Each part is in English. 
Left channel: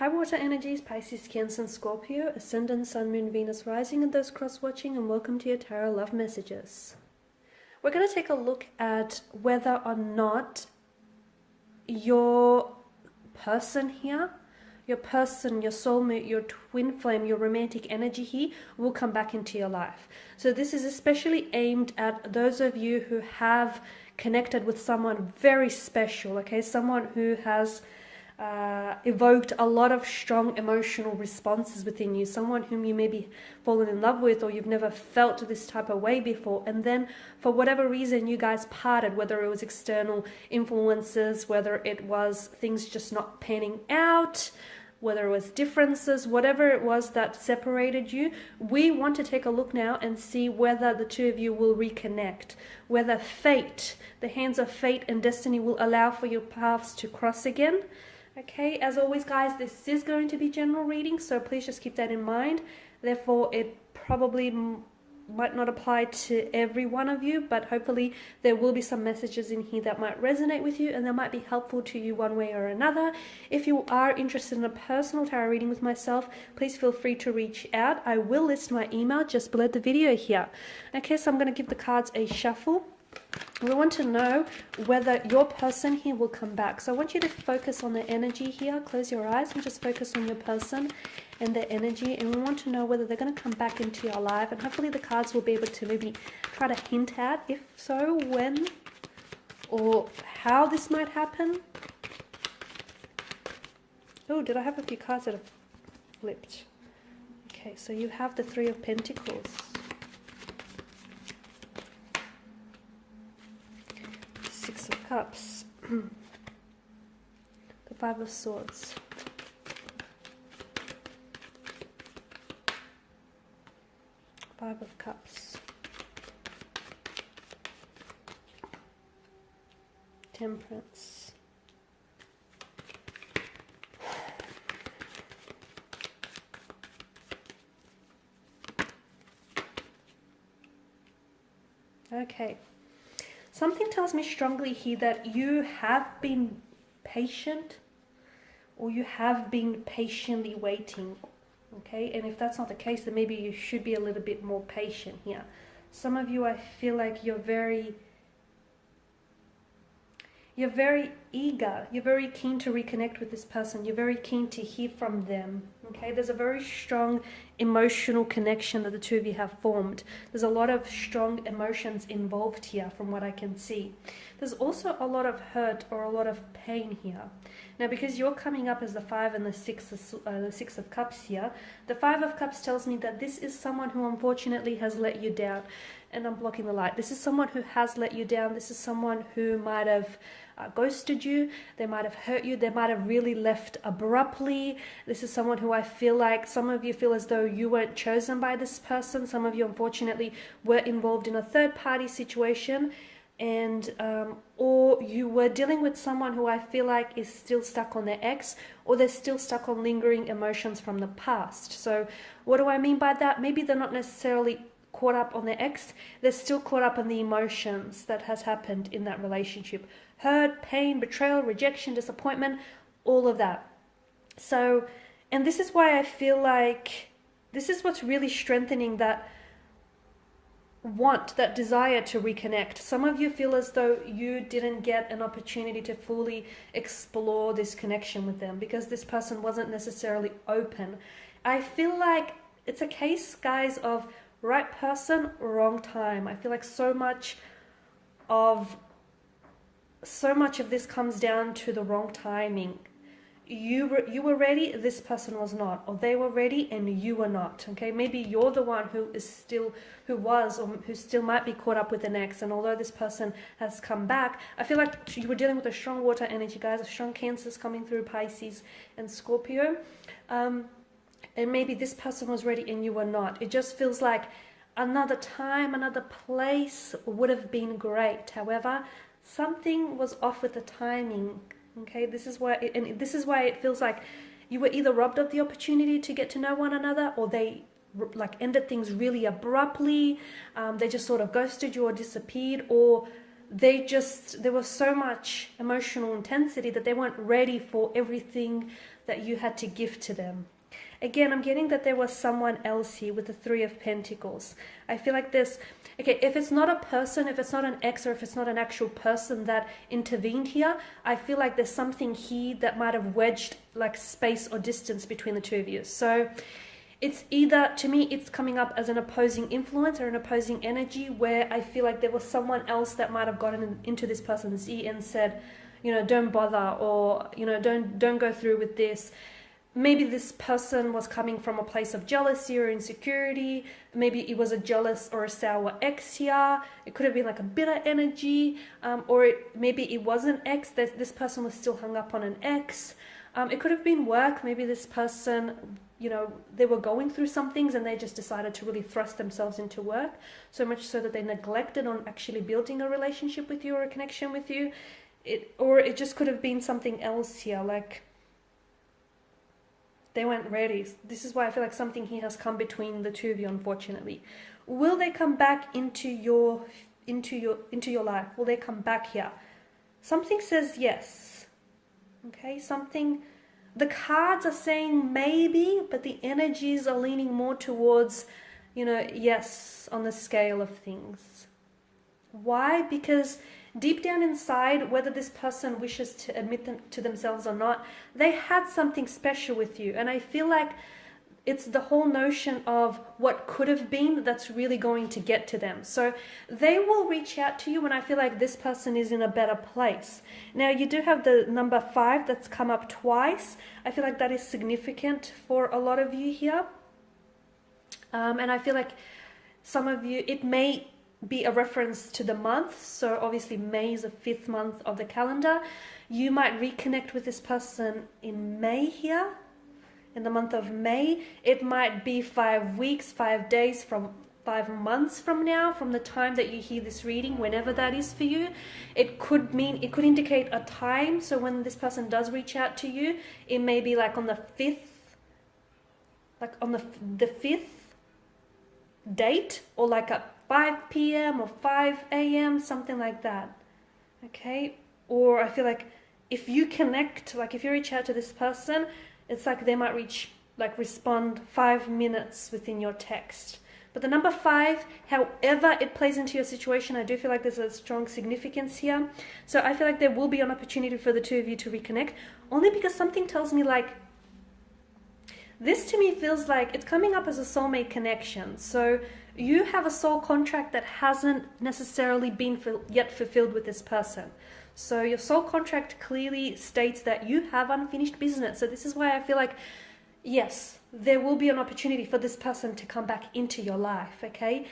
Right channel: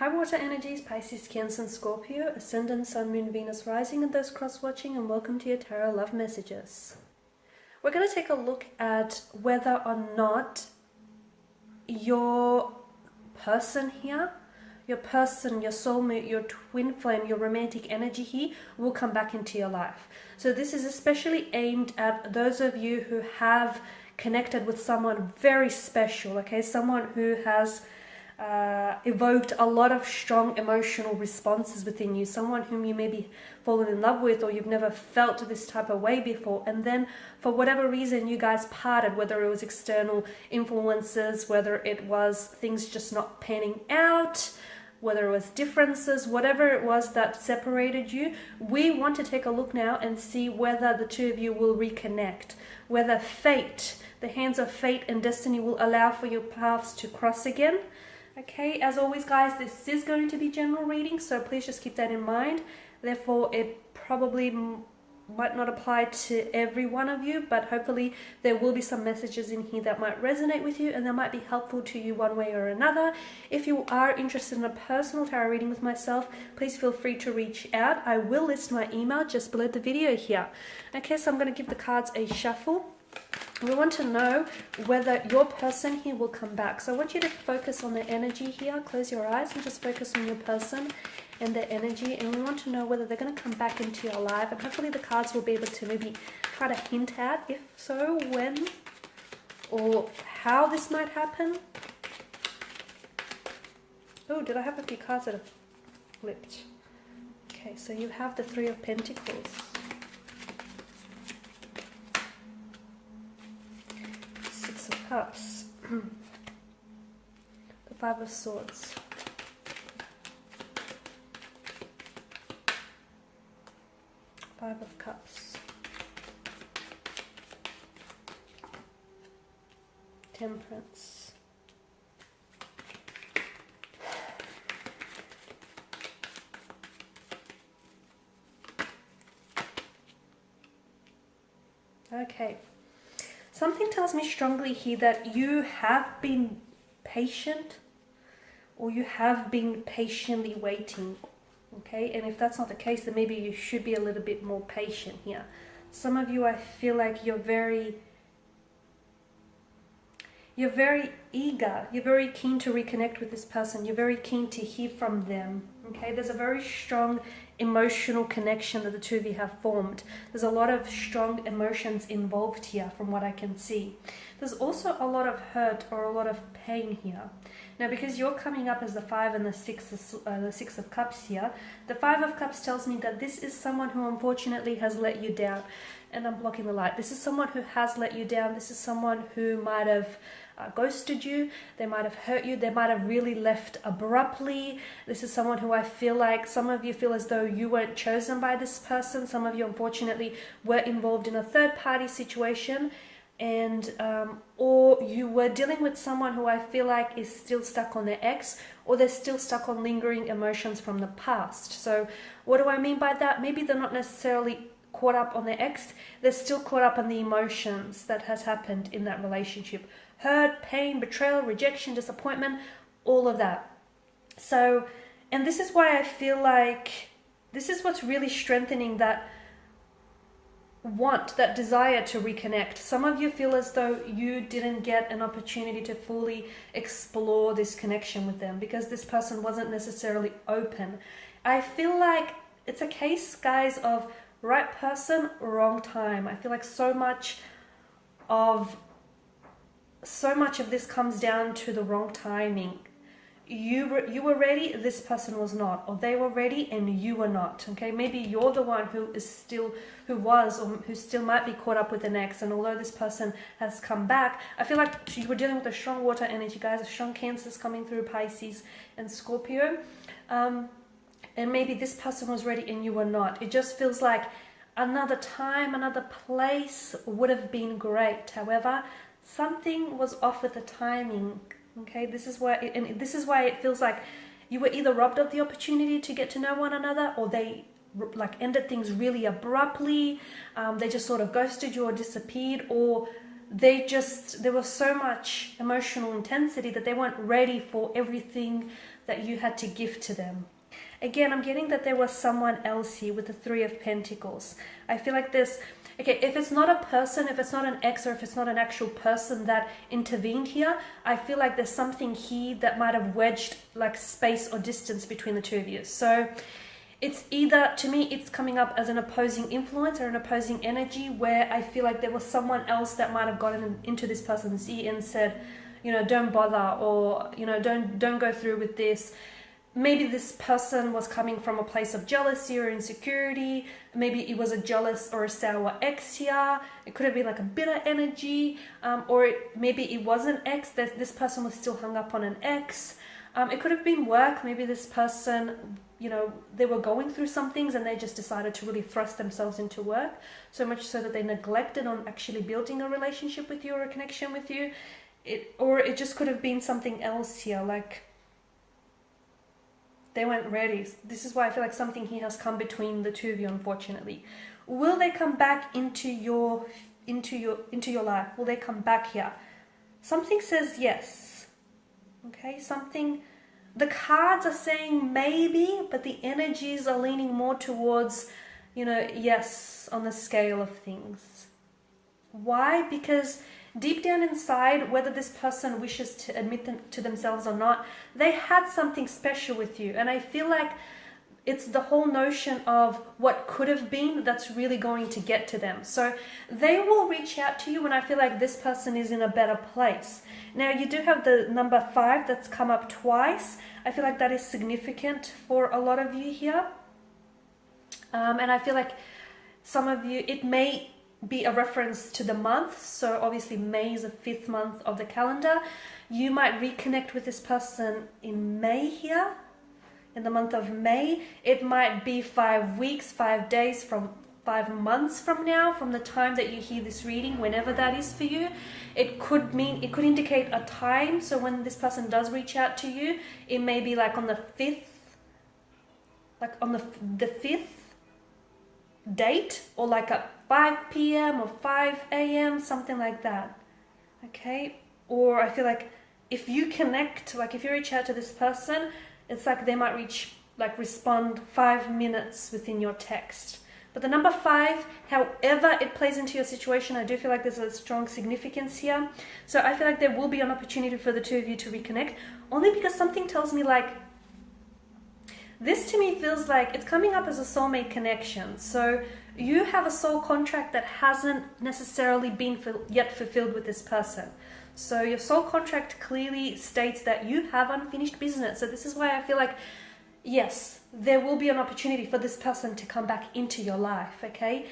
High water energies, Pisces, Cancer, and Scorpio, Ascendant, Sun, Moon, Venus, Rising, and those cross-watching, and welcome to your Tarot Love Messages. We're going to take a look at whether or not your person here, your person, your soulmate, your twin flame, your romantic energy here will come back into your life. So this is especially aimed at those of you who have connected with someone very special, okay? Someone who has evoked a lot of strong emotional responses within you, someone whom you maybe fallen in love with or you've never felt this type of way before, and then for whatever reason you guys parted, whether it was external influences, whether it was things just not panning out, whether it was differences, whatever it was that separated you. We want to take a look now and see whether the two of you will reconnect, whether fate, the hands of fate and destiny, will allow for your paths to cross again. Okay, as always guys, this is going to be general reading, so please just keep that in mind. Therefore, it probably might not apply to every one of you, but hopefully there will be some messages in here that might resonate with you and that might be helpful to you one way or another. If you are interested in a personal tarot reading with myself, please feel free to reach out. I will list my email just below the video here. Okay, so I'm going to give the cards a shuffle. We want to know whether your person here will come back. So I want you to focus on the energy here. Close your eyes and just focus on your person and their energy. And we want to know whether they're going to come back into your life. And hopefully the cards will be able to maybe try to hint at, if so, when or how this might happen. Oh, did I have a few cards that have flipped? Okay, so you have the Three of Pentacles. Cups, the Five of Swords, Five of Cups, Temperance, okay. Something tells me strongly here that you have been patient, or you have been patiently waiting, okay? And if that's not the case, then maybe you should be a little bit more patient here. Some of you, I feel like you're very eager, you're very keen to reconnect with this person, you're very keen to hear from them, okay? There's a very strong emotional connection that the two of you have formed. There's a lot of strong emotions involved here from what I can see. There's also a lot of hurt or a lot of pain here. Now, because you're coming up as the Five and the Six of Cups here, the Five of Cups tells me that this is someone who unfortunately has let you down. And I'm blocking the light. This is someone who has let you down. This is someone who might have ghosted you. They might have hurt you. They might have really left abruptly. This is someone who I feel like some of you feel as though you weren't chosen by this person. Some of you unfortunately were involved in a third-party situation, and or you were dealing with someone who I feel like is still stuck on their ex, or they're still stuck on lingering emotions from the past. So what do I mean by that? Maybe they're not necessarily caught up on their ex, they're still caught up on the emotions that has happened in that relationship. Hurt, pain, betrayal, rejection, disappointment, all of that. So, and this is why I feel like this is what's really strengthening that want, that desire to reconnect. Some of you feel as though you didn't get an opportunity to fully explore this connection with them because this person wasn't necessarily open. I feel like it's a case, guys, of right person, wrong time. I feel like so much of this comes down to the wrong timing. You were ready, this person was not, or they were ready and you were not. Okay, maybe you're the one who still might be caught up with an ex, and although this person has come back, I feel like you were dealing with a strong water energy, guys, a strong Cancers coming through, Pisces and Scorpio. And maybe this person was ready and you were not. It just feels like another time, another place would have been great. However, something was off with the timing. Okay, this is why it feels like you were either robbed of the opportunity to get to know one another, or they like ended things really abruptly. They just sort of ghosted you or disappeared, or there was so much emotional intensity that they weren't ready for everything that you had to give to them. Again, I'm getting that there was someone else here with the Three of Pentacles. I feel like there's, okay, if it's not a person, if it's not an ex, or if it's not an actual person that intervened here, I feel like there's something here that might have wedged like space or distance between the two of you. So it's either, to me, it's coming up as an opposing influence or an opposing energy where I feel like there was someone else that might have gotten into this person's ear and said, you know, don't bother, or, you know, don't go through with this. Maybe this person was coming from a place of jealousy or insecurity. Maybe it was a jealous or a sour ex here. It could have been like a bitter energy, maybe it was an ex. This person was still hung up on an ex. It could have been work. Maybe this person, you know, they were going through some things and they just decided to really thrust themselves into work, so much so that they neglected on actually building a relationship with you or a connection with you. Or it just could have been something else here, like they weren't ready. This is why I feel like something here has come between the two of you, unfortunately. Will they come back into your life? Will they come back here? Something says yes. Okay, something, the cards are saying maybe, but the energies are leaning more towards, you know, yes, on the scale of things. Why? Because deep down inside, whether this person wishes to admit them to themselves or not, they had something special with you. And I feel like it's the whole notion of what could have been that's really going to get to them. So they will reach out to you when I feel like this person is in a better place. Now, you do have the number 5 that's come up twice. I feel like that is significant for a lot of you here. And I feel like some of you, it may be a reference to the month. So obviously May is the 5th month of the calendar. You might reconnect with this person in May here, in the month of May. It might be 5 weeks, 5 days, from 5 months from now, from the time that you hear this reading, whenever that is for you. It could indicate a time. So when this person does reach out to you, it may be like on the 5th, like on the 5th date, or like at 5 p.m. or 5 a.m., something like that. Okay? Or I feel like if you connect, like if you reach out to this person, it's like they might respond 5 minutes within your text. But the number 5, however it plays into your situation, I do feel like there's a strong significance here. So I feel like there will be an opportunity for the two of you to reconnect, only because something tells me like, this to me feels like it's coming up as a soulmate connection. So you have a soul contract that hasn't necessarily been yet fulfilled with this person. So your soul contract clearly states that you have unfinished business. So this is why I feel like, yes, there will be an opportunity for this person to come back into your life, okay?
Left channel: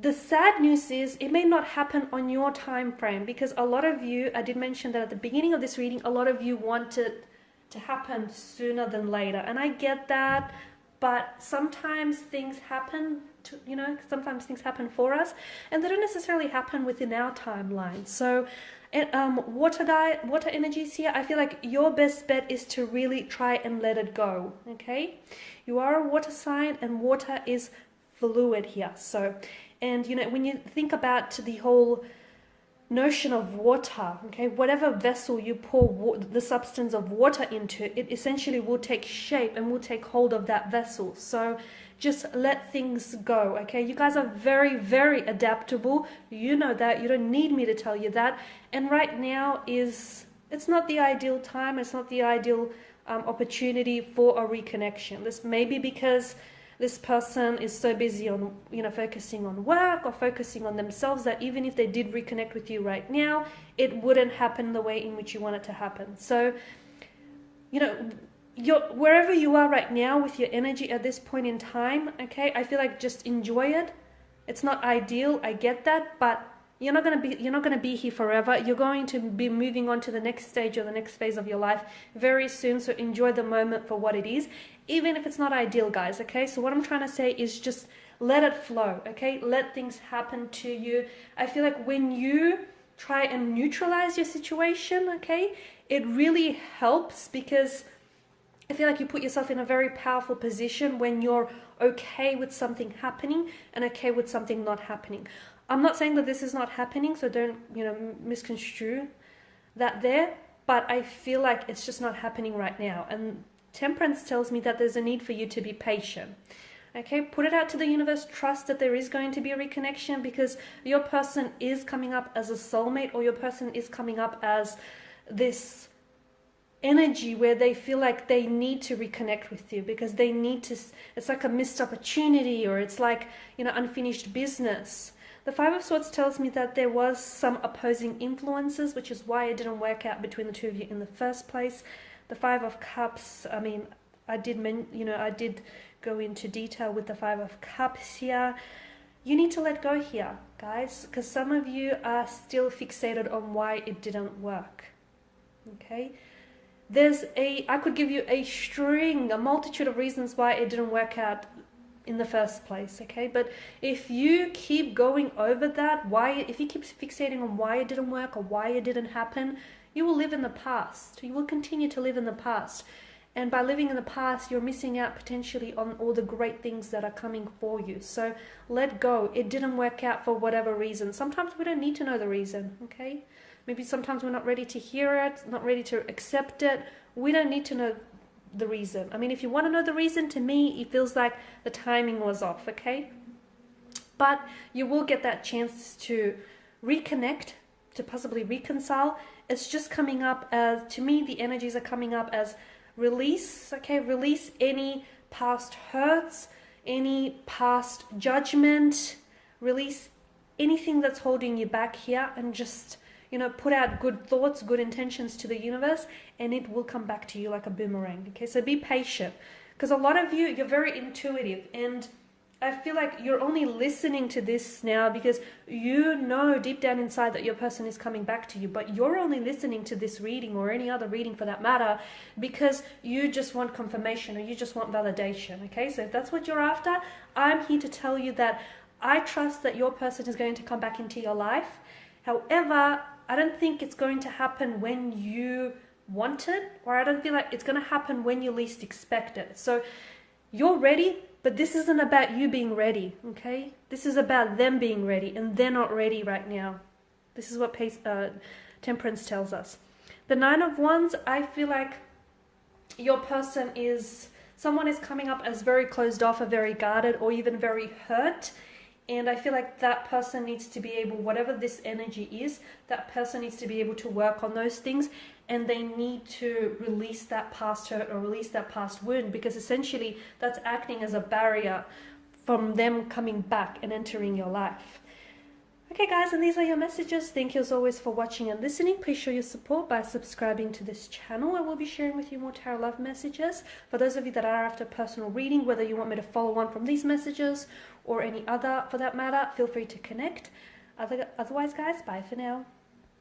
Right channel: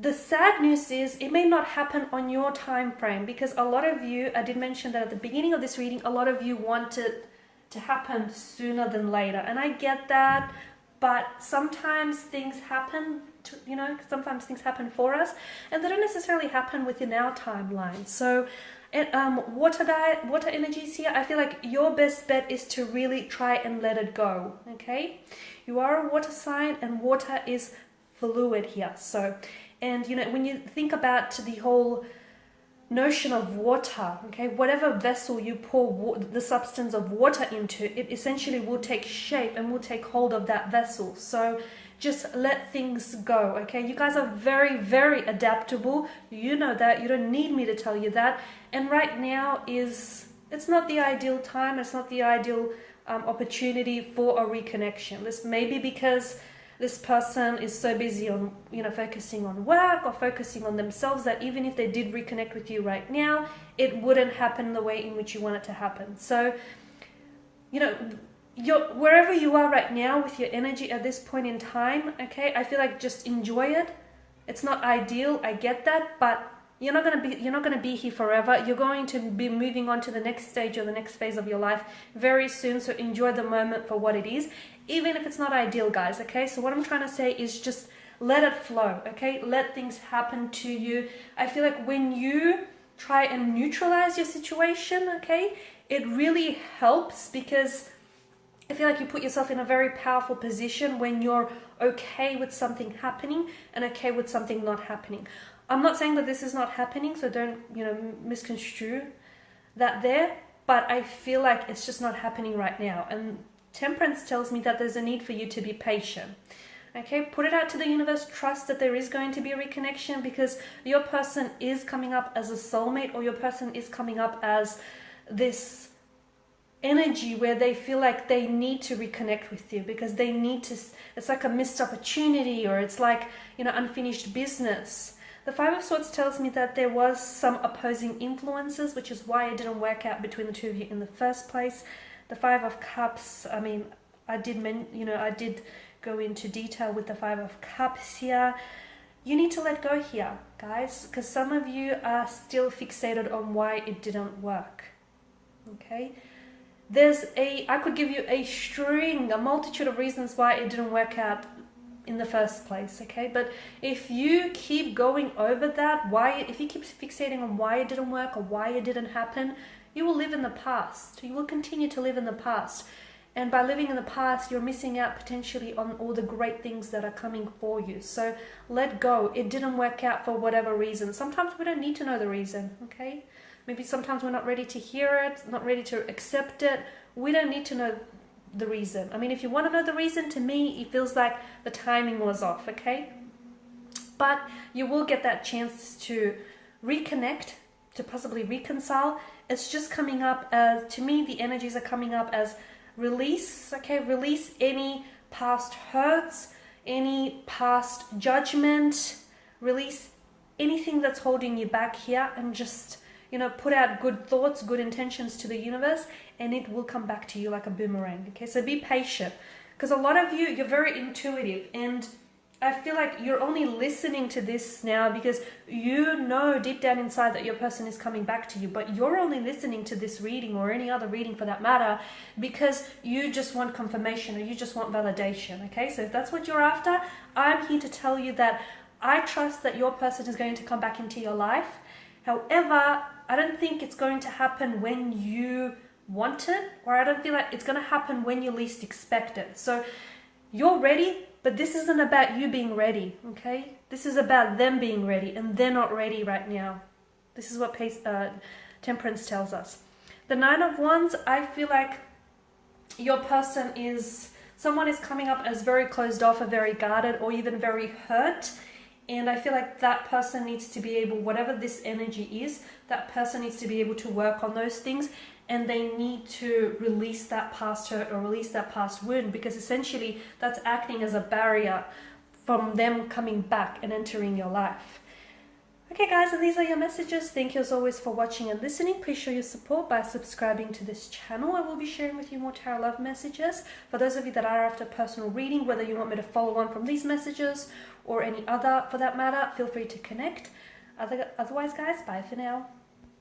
The sad news is it may not happen on your time frame, because a lot of you, I did mention that at the beginning of this reading, a lot of you wanted to happen sooner than later. And I get that, but sometimes things happen sometimes things happen for us, and they don't necessarily happen within our timeline. So water energies here, I feel like your best bet is to really try and let it go. Okay, you are a water sign, and water is fluid here. So, and you know, when you think about the whole notion of water, okay, whatever vessel you pour the substance of water into, it essentially will take shape and will take hold of that vessel. So just let things go, okay? You guys are very, very adaptable. You know that. You don't need me to tell you that. And right now it's not the ideal time. It's not the ideal opportunity for a reconnection. This may be because this person is so busy on, focusing on work or focusing on themselves, that even if they did reconnect with you right now, it wouldn't happen the way in which you want it to happen. So, wherever you are right now with your energy at this point in time, okay, I feel like just enjoy it. It's not ideal, I get that, but you're not gonna be here forever. You're going to be moving on to the next stage or the next phase of your life very soon. So enjoy the moment for what it is, even if it's not ideal, guys. Okay, so what I'm trying to say is just let it flow. Okay, let things happen to you. I feel like when you try and neutralize your situation, okay, it really helps, because I feel like you put yourself in a very powerful position when you're okay with something happening and okay with something not happening. I'm not saying that this is not happening, so don't, misconstrue that there, but I feel like it's just not happening right now. And Temperance tells me that there's a need for you to be patient. Okay, put it out to the universe. Trust that there is going to be a reconnection, because your person is coming up as a soulmate, or your person is coming up as this energy where they feel like they need to reconnect with you, because they need to, it's like a missed opportunity, or it's like, unfinished business. The Five of Swords tells me that there was some opposing influences, which is why it didn't work out between the two of you in the first place. The Five of Cups, I mean, I did go into detail with the Five of Cups here. You need to let go here, guys, because some of you are still fixated on why it didn't work. Okay, I could give you a multitude of reasons why it didn't work out in the first place. Okay, but if you keep going over that, if you keep fixating on why it didn't work or why it didn't happen, you will live in the past. You will continue to live in the past. And by living in the past, you're missing out potentially on all the great things that are coming for you. So let go. It didn't work out for whatever reason. Sometimes we don't need to know the reason, okay? Maybe sometimes we're not ready to hear it, not ready to accept it. We don't need to know the reason. I mean, if you want to know the reason, to me, it feels like the timing was off, okay? But you will get that chance to reconnect, to possibly reconcile. It's just coming up as, to me, the energies are coming up as release, okay? Release any past hurts, any past judgment, release anything that's holding you back here, and just, put out good thoughts, good intentions to the universe, and it will come back to you like a boomerang, okay? So be patient, because a lot of you, you're very intuitive, and I feel like you're only listening to this now because you know deep down inside that your person is coming back to you, but you're only listening to this reading, or any other reading for that matter, because you just want confirmation, or you just want validation, okay? So if that's what you're after, I'm here to tell you that I trust that your person is going to come back into your life. However, I don't think it's going to happen when you want it, or I don't feel like it's going to happen when you least expect it. So you're ready, but this isn't about you being ready, okay? This is about them being ready, and they're not ready right now. This is what Temperance tells us. The Nine of Wands, I feel like your person someone is coming up as very closed off, or very guarded, or even very hurt. And I feel like that person needs to be able, whatever this energy is, that person needs to be able to work on those things, and they need to release that past hurt or release that past wound, because essentially that's acting as a barrier from them coming back and entering your life. Okay guys, and these are your messages. Thank you as always for watching and listening. Please show your support by subscribing to this channel. I will be sharing with you more tarot love messages. For those of you that are after personal reading, whether you want me to follow on from these messages or any other for that matter, feel free to connect. Otherwise guys, bye for now.